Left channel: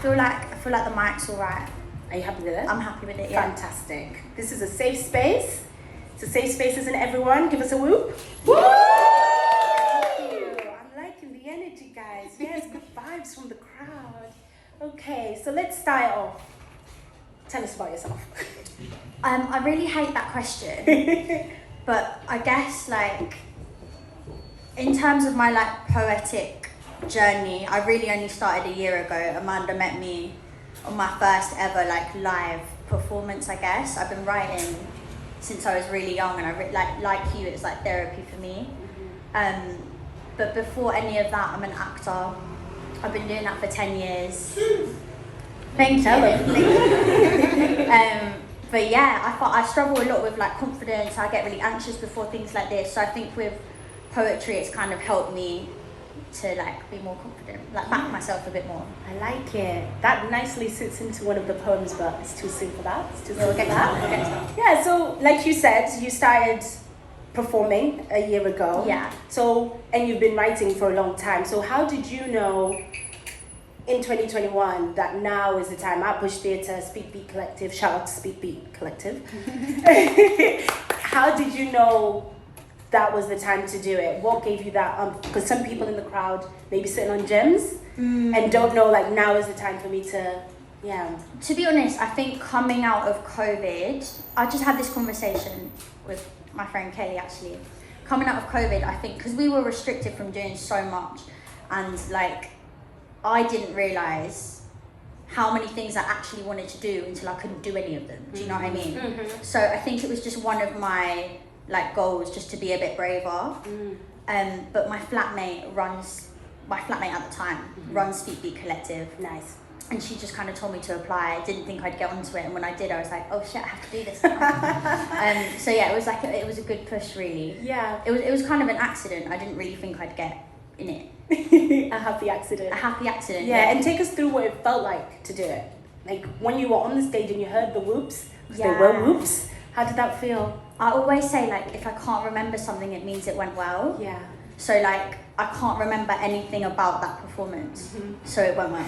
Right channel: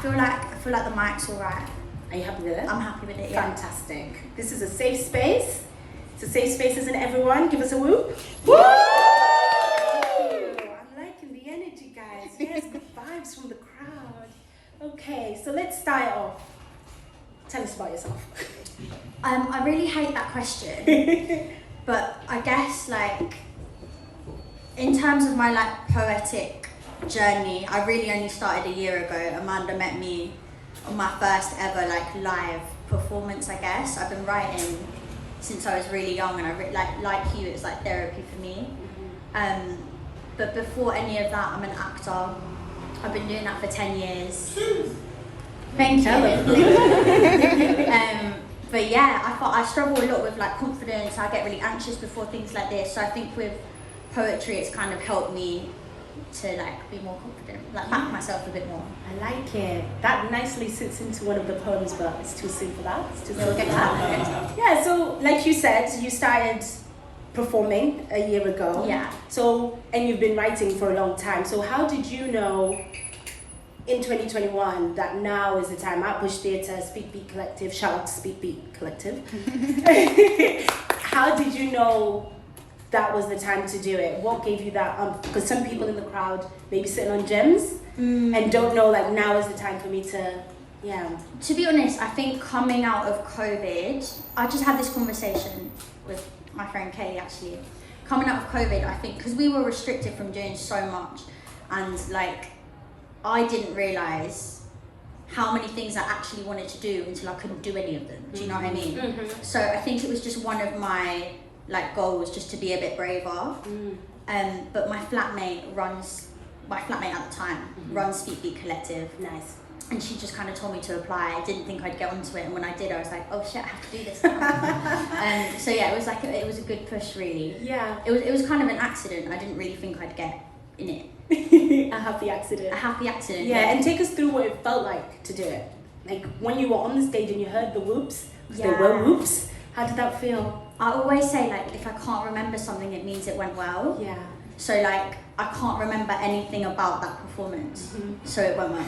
feel like the mic's all right. Are you happy with it? I'm happy with it, yeah. Fantastic. This is a safe space. It's a safe space, isn't everyone? Give us a whoop. Woo! Thank you. I'm liking the energy, guys. Yes, good vibes from the crowd. Okay, so let's start off. Tell us about yourself. I really hate that question, but I guess like in terms of my like poetic journey, I really only started a year ago. Amanda met me on my first ever like live performance, I guess. I've been writing since I was really young, and I like you, it's like therapy for me. But before any of that, I'm an actor. I've been doing that for 10 years. Thank you. But yeah, I struggle a lot with like confidence. I get really anxious before things like this. So I think with poetry, it's kind of helped me to like be more confident, like back myself a bit more. I like it. That nicely sits into one of the poems, but it's too soon for that. It's too soon We'll get for to that. that. We'll get to that. Yeah, so like you said, you started performing a year ago. Yeah. So, and you've been writing for a long time. So how did you know in 2021 that now is the time? At Bush Theatre, SpeakBeatCollective, shout out to SpeakBeatCollective. How did you know that was the time to do it? What gave you that? Because some people in the crowd may be sitting on gems and don't know like now is the time for me to, yeah. To be honest, I think coming out of COVID, I just had this conversation with my friend Kelly actually. Coming out of COVID, I think, because we were restricted from doing so much, and like, I didn't realise how many things I actually wanted to do until I couldn't do any of them. Do you know what I mean? Mm-hmm. So I think it was just one of my like goals, just to be a bit braver. But my flatmate at the time runs SpeakBeatCollective. Nice. And she just kind of told me to apply. I didn't think I'd get onto it, and when I did, I was like, oh shit, I have to do this now. So yeah, it was like it was a good push, really. Yeah. It was kind of an accident. I didn't really think I'd get in it. A happy accident. A happy accident. Yeah, and take us through what it felt like to do it. Like when you were on the stage and you heard the whoops, because they were whoops, how did that feel? I always say like, if I can't remember something, it means it went well. Yeah. So like, I can't remember anything about that performance, so it went well.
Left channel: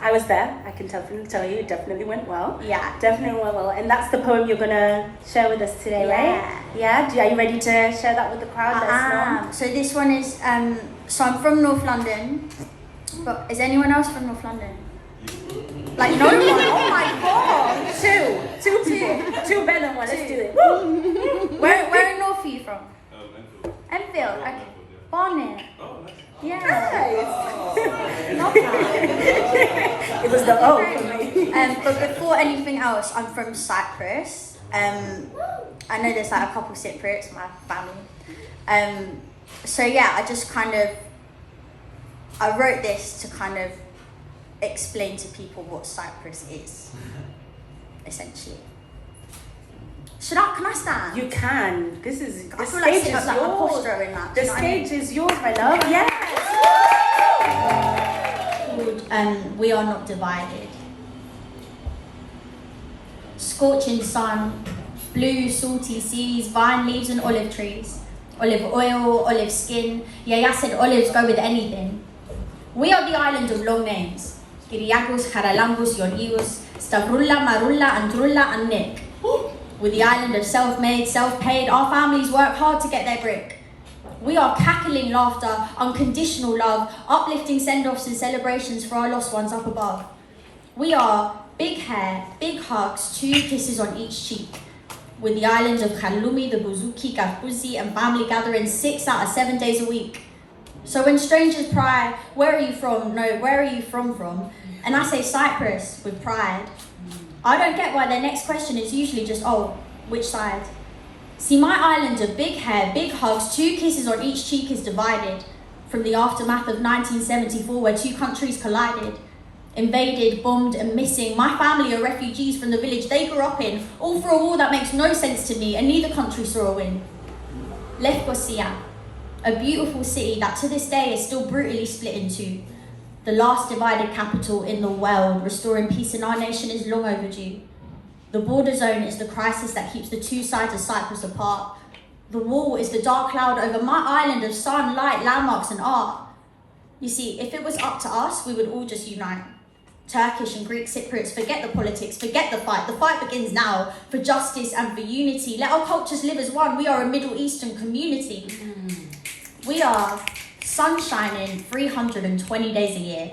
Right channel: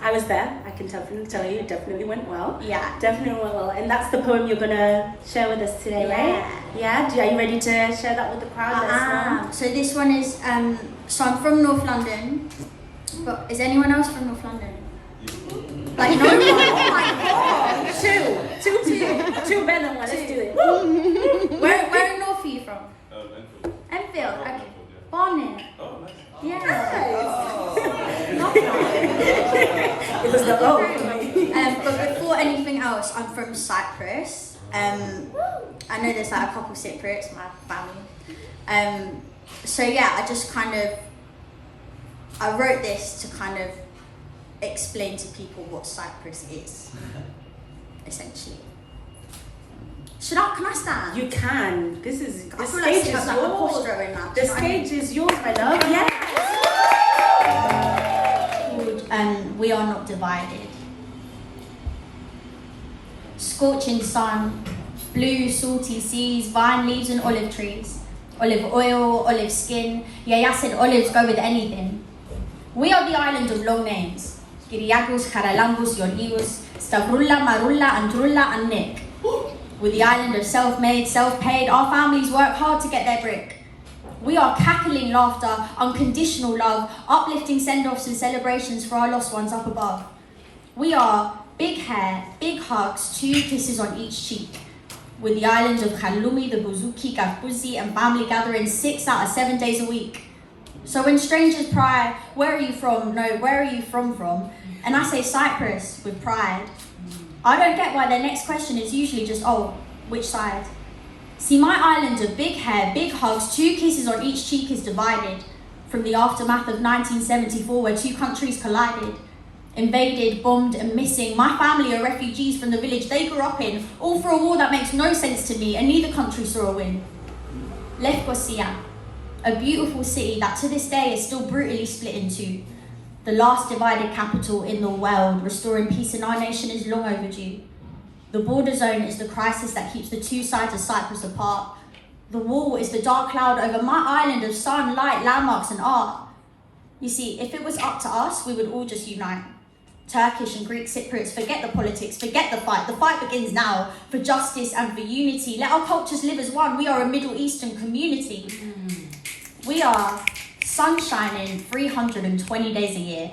I was there. I can definitely tell you, it definitely went well. Yeah. Definitely went well. And that's the poem you're gonna share with us today, right? Yeah. Are you ready to share that with the crowd? Let us know. So this one is, so I'm from North London, but is anyone else from North London? Like no one? Oh my god! Two people. Two better than one. Let's do it. Where in North are you from? Enfield. Okay. Barnet. Oh, nice. Yeah. Nice. It was the O for me. But before anything else, I'm from Cyprus. I know there's like a couple Cypriots in my family. So yeah, I just I wrote this to kind of explain to people what Cyprus is, essentially. Can I stand? You can. The stage is yours. The stage is yours, my love. Yes. We are not divided. Scorching sun, blue salty seas, vine leaves and olive trees, olive oil, olive skin. Yeah, I said olives go with anything. We are the island of long names. Kiriakos, Charalambos, Yorgos, Stavrulla, Marulla, Andrulla, and Nick. We're the island of self-made, self-paid. Our families work hard to get their brick. We are cackling laughter, unconditional love, uplifting send-offs and celebrations for our lost ones up above. We are big hair, big hugs, 2 kisses on each cheek. We're the island of Khalumi, the Buzuki, Kafuzi, and family gatherings 6 out of 7 days a week. So when strangers pry, where are you from? No, where are you from? And I say Cyprus with pride. I don't get why their next question is usually just, oh, which side? See, my island of big hair, big hugs, 2 kisses on each cheek is divided from the aftermath of 1974 where 2 countries collided. Invaded, bombed and missing. My family are refugees from the village they grew up in, all for a war that makes no sense to me and neither country saw a win. Lefkosia, a beautiful city that to this day is still brutally split in 2. The last divided capital in the world, restoring peace in our nation is long overdue. The border zone is the crisis that keeps the 2 sides of Cyprus apart. The wall is the dark cloud over my island of sun, light, landmarks and art. You see, if it was up to us, we would all just unite. Turkish and Greek Cypriots, forget the politics, forget the fight. The fight begins now for justice and for unity. Let our cultures live as one. We are a Middle Eastern community. We are sun shining 320 days a year.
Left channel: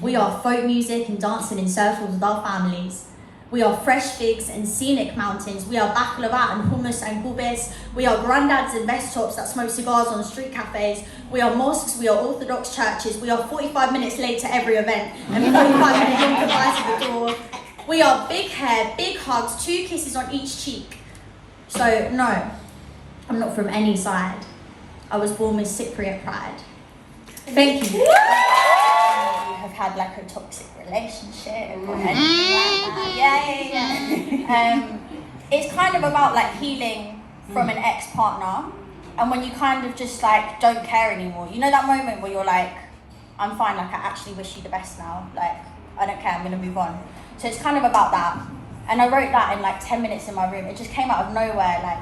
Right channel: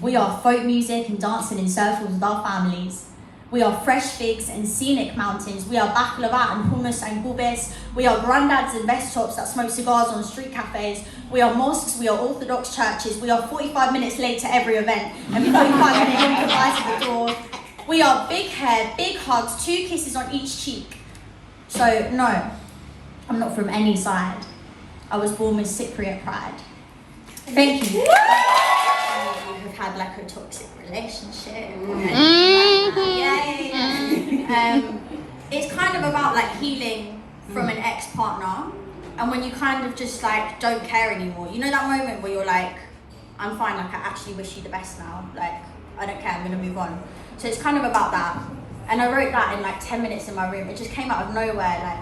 We are folk music and dancing in circles with our families. We are fresh figs and scenic mountains. We are baklava and hummus and gubes. We are granddads and vest tops that smoke cigars on street cafes. We are mosques, we are Orthodox churches. We are 45 minutes late to every event and 45 minutes long goodbyes at the door. We are big hair, big hugs, 2 kisses on each cheek. So no, I'm not from any side. I was born with Cypriot pride. Thank you. Have had like a toxic relationship or anything like that. It's kind of about like healing from an ex-partner, and when you kind of just like don't care anymore, you know that moment where you're like, I'm fine, like I actually wish you the best now, like I don't care, I'm gonna move on. So it's kind of about that, and I wrote that in like 10 minutes in my room. It just came out of nowhere. Like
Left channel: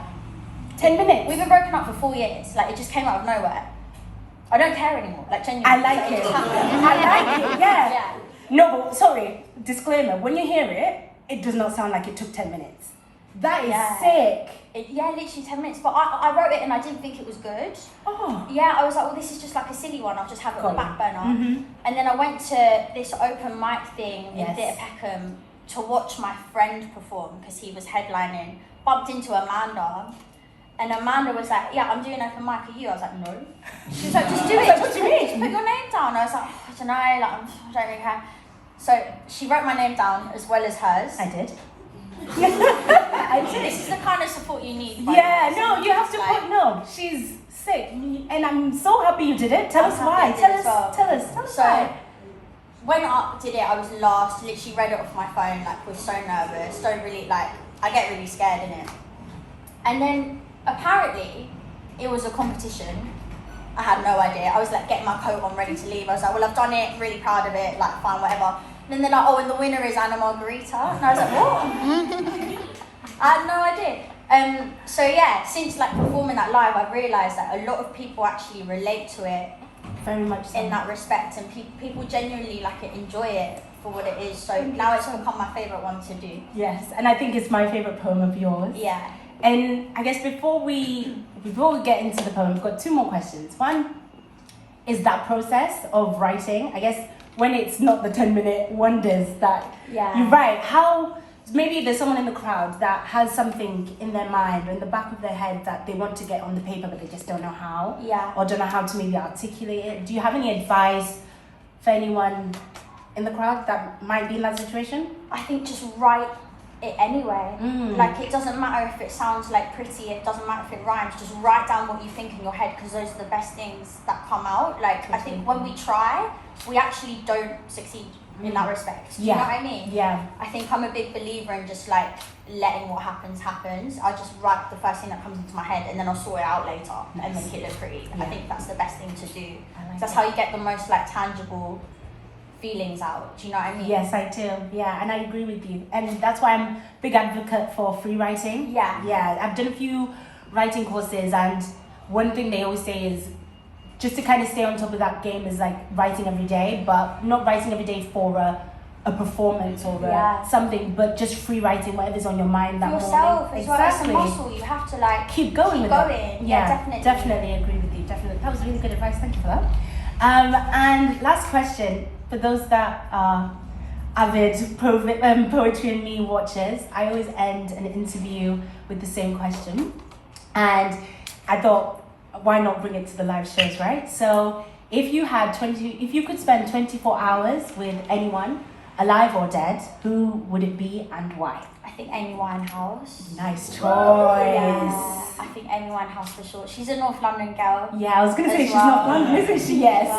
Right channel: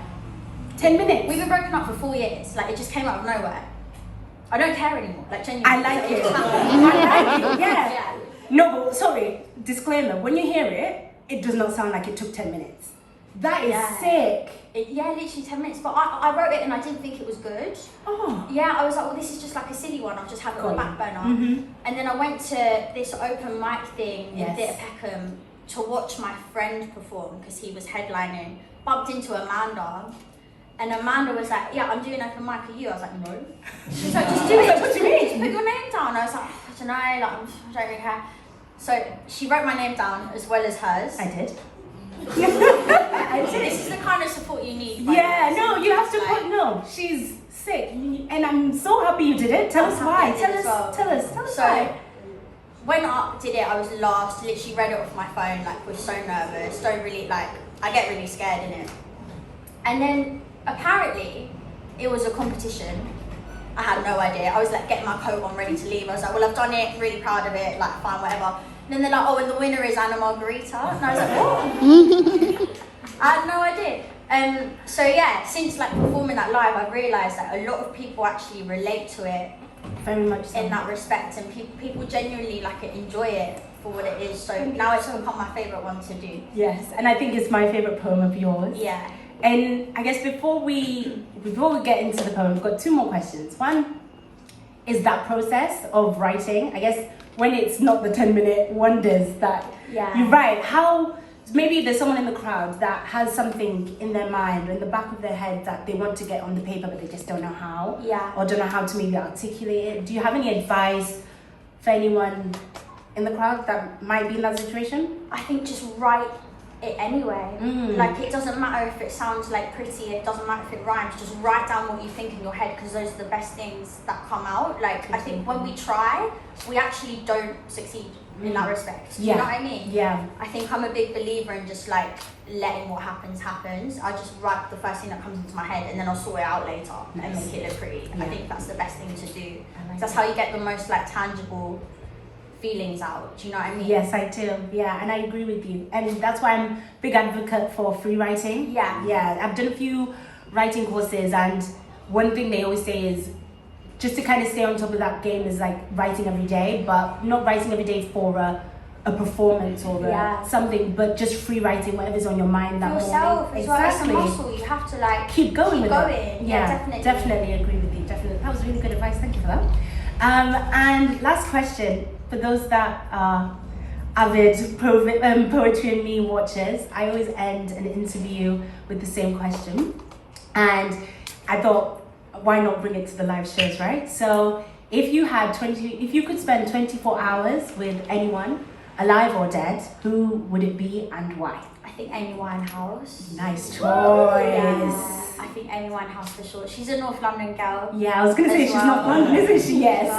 10 minutes. We've been broken up for 4 years. Like it just came out of nowhere. I don't care anymore. Like genuinely. I like it. I like it. Yeah. No, but sorry. Disclaimer. When you hear it, it does not sound like it took 10 minutes. That is sick. Literally 10 minutes. But I wrote it and I didn't think it was good. Oh. Yeah, I was like, well, this is just like a silly one. I'll just have it on the back burner. And then I went to this open mic thing in Theatre Peckham to watch my friend perform because he was headlining. Bumped into Amanda. And Amanda was like, yeah, I'm doing open mic, are you? I was like, no. She was like, just do it, just do it, just put your name down. I was like, oh, I don't know, like, I don't really care. So she wrote my name down as well as hers. I did. This is the kind of support you need. Yeah, no, you have to put, no, she's sick. And I'm so happy you did it. Tell us why. Tell us why. When I did it, I was lost, literally read it off my phone, like, was so nervous, don't really, like, I get really scared in it. And then, apparently, it was a competition. I had no idea. I was like getting my coat on, ready to leave. I was like, well, I've done it, really proud of it, like fine, whatever. And then they're like, oh, and the winner is Margarita. And I was like, what? I had no idea. So yeah, since like performing that live, I've realised that a lot of people actually relate to it. Very much so. In that respect, and people genuinely like it, enjoy it for what it is. So now it's become my favourite one to do. Yes, and I think it's my favourite poem of yours. Yeah. And I guess before we get into the poem, we've got 2 more questions. One is that process of writing. I guess when it's not the 10-minute wonders that you write, how maybe there's someone in the crowd that has something in their mind or in the back of their head that they want to get on the paper but they just don't know how. Yeah. Or don't know how to maybe articulate it. Do you have any advice for anyone in the crowd that might be in that situation? I think just write it anyway. Like it doesn't matter if it sounds like pretty, it doesn't matter if it rhymes, just write down what you think in your head because those are the best things that come out. Like I think when we try, we actually don't succeed in that respect. Do you know what I mean? Yeah. I think I'm a big believer in just like letting what happens. I just write the first thing that comes into my head and then I'll sort it out later and make it look pretty. I think that's the best thing to do. That's how you get the most like tangible feelings out. Do you know what I mean? Yes, I do. Yeah, and I agree with you. And that's why I'm a big advocate for free writing. Yeah, I've done a few writing courses, and one thing they always say is just to kind of stay on top of that game is like writing every day, but not writing every day for a performance or something, but just free writing whatever's on your mind that yourself morning. Exactly. Well, it's a muscle. You have to like keep going with it. Yeah, definitely agree with you. Definitely, that was really good advice. Thank you for that. And last question. For those that are avid Poetry and Me watchers, I always end an interview with the same question. And I thought, why not bring it to the live shows, right? So if you could spend 24 hours with anyone, alive or dead, who would it be and why? I think Amy Winehouse. Nice choice. Yeah, I think Amy Winehouse for sure. She's a North London girl. Yeah, I was going to say she's not London, isn't she? Yes.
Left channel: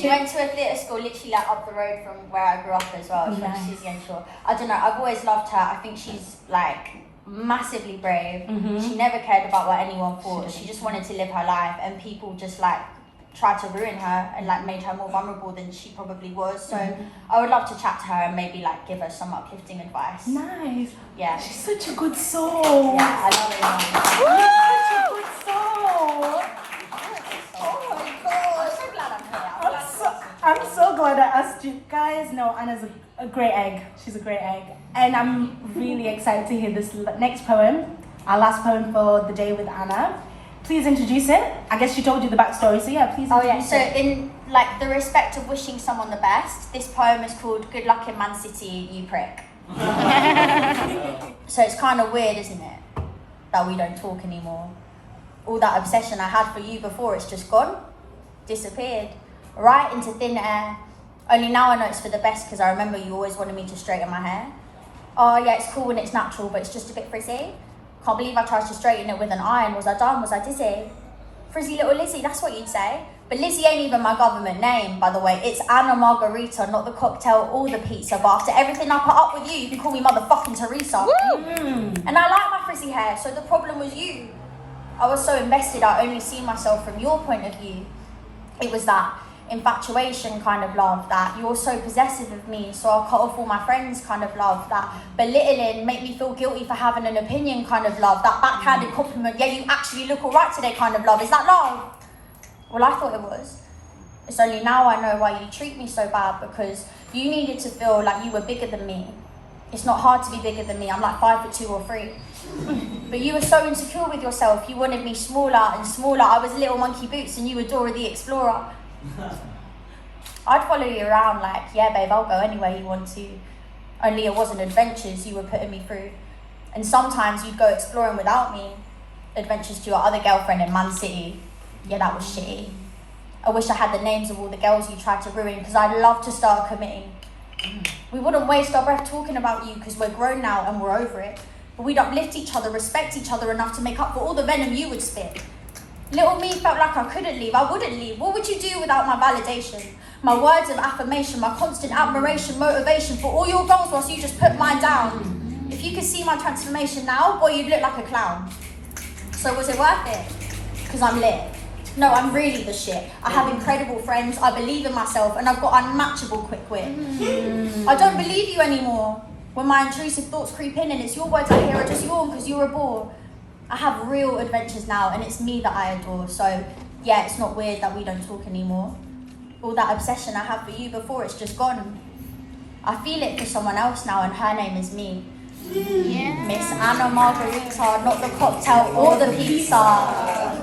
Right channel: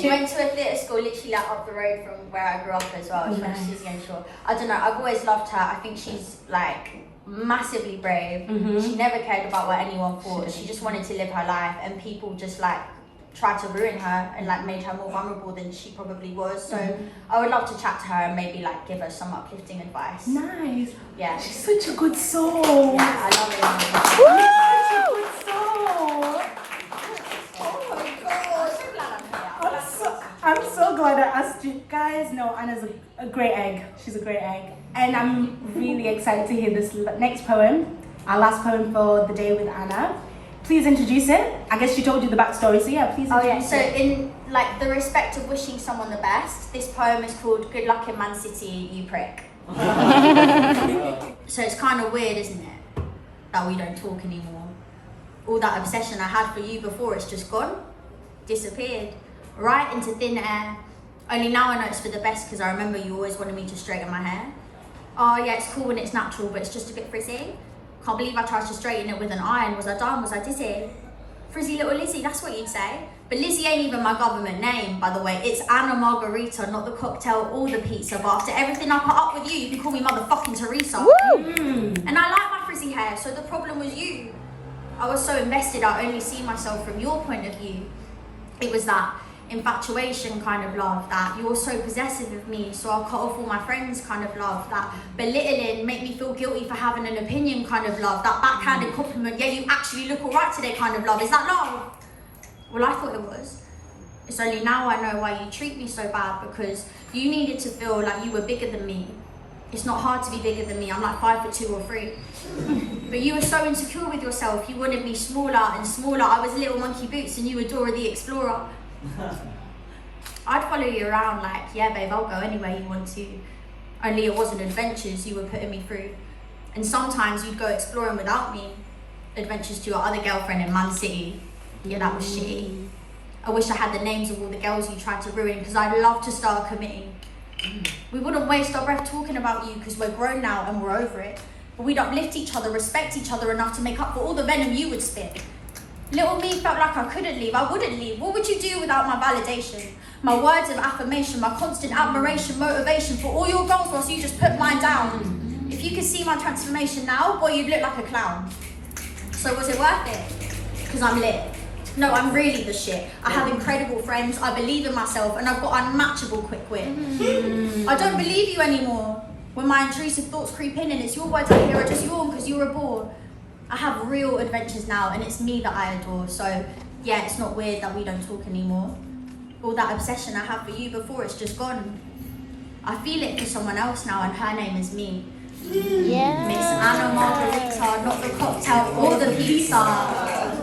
She went to a theatre school literally like up the road from where I grew up as well. She went to Susie and Shaw. I don't know, I've always loved her. I think she's like massively brave. She never cared about what anyone thought. She just wanted to live her life, and people just like tried to ruin her and like made her more vulnerable than she probably was. So I would love to chat to her and maybe like give her some uplifting advice. Nice. Yeah. She's such a good soul. Yeah, I love her. You're such a good soul. Oh my god. I'm so glad I'm here. I'm so so glad I asked you guys. No, Anna's a great egg. She's a great egg. And I'm really excited to hear this next poem, our last poem for the day with Anna. Please introduce it. I guess she told you the backstory, so yeah, please introduce So it. in like the respect of wishing someone the best, this poem is called Good Luck in Man City, You Prick. So it's kind of weird, isn't it, that we don't talk anymore. All that obsession I had for you before, it's just gone, disappeared, right into thin air. Only now I know it's for the best because I remember you always wanted me to straighten my hair. Oh yeah, it's cool when it's natural, but it's just a bit frizzy. Can't believe I tried to straighten it with an iron. Was I dumb? Was I dizzy? Frizzy little Lizzie, that's what you'd say. But Lizzie ain't even my government name, by the way. It's Anna Margarita, not the cocktail or the pizza. But after everything I put up with you can call me motherfucking Teresa. And I like my frizzy hair, so the problem was you. I was so invested, I only see myself from your point of view. It was that infatuation kind of love, that you're so possessive of me, so I'll cut off all my friends kind of love, that belittling, make me feel guilty for having an opinion kind of love, that backhanded compliment, yeah, you actually look alright today kind of love. Is that love? Well, I thought it was. It's only now I know why you treat me so bad, because you needed to feel like you were bigger than me. It's not hard to be bigger than me, I'm like 5'2" or 3. But you were so insecure with yourself, you wanted me smaller and smaller. I was Little Monkey Boots and you were Dora the Explorer. I'd follow you around like, yeah babe, I'll go anywhere you want to. Only it wasn't adventures you were putting me through. And sometimes you'd go exploring without me. Adventures to your other girlfriend in Man City. Yeah, that was shitty. I wish I had the names of all the girls you tried to ruin, because I'd love to start committing. We wouldn't waste our breath talking about you because we're grown now and we're over it. But we'd uplift each other, respect each other enough to make up for all the venom you would spit. Little me felt like I couldn't leave, I wouldn't leave. What would you do without my validation? My words of affirmation, my constant admiration, motivation for all your goals whilst you just put mine down. If you could see my transformation now, boy, you'd look like a clown. So was it worth it? Because I'm lit. No, I'm really the shit. I have incredible friends, I believe in myself, and I've got unmatchable quick wit. I don't believe you anymore. When my intrusive thoughts creep in and it's your words I hear, I just yawn because you're a bore. I have real adventures now and it's me that I adore. So yeah, it's not weird that we don't talk anymore. All that obsession I had for you before, it's just gone. I feel it for someone else now and her name is me. Yeah. Miss Anna Margarita, not the cocktail or the pizza.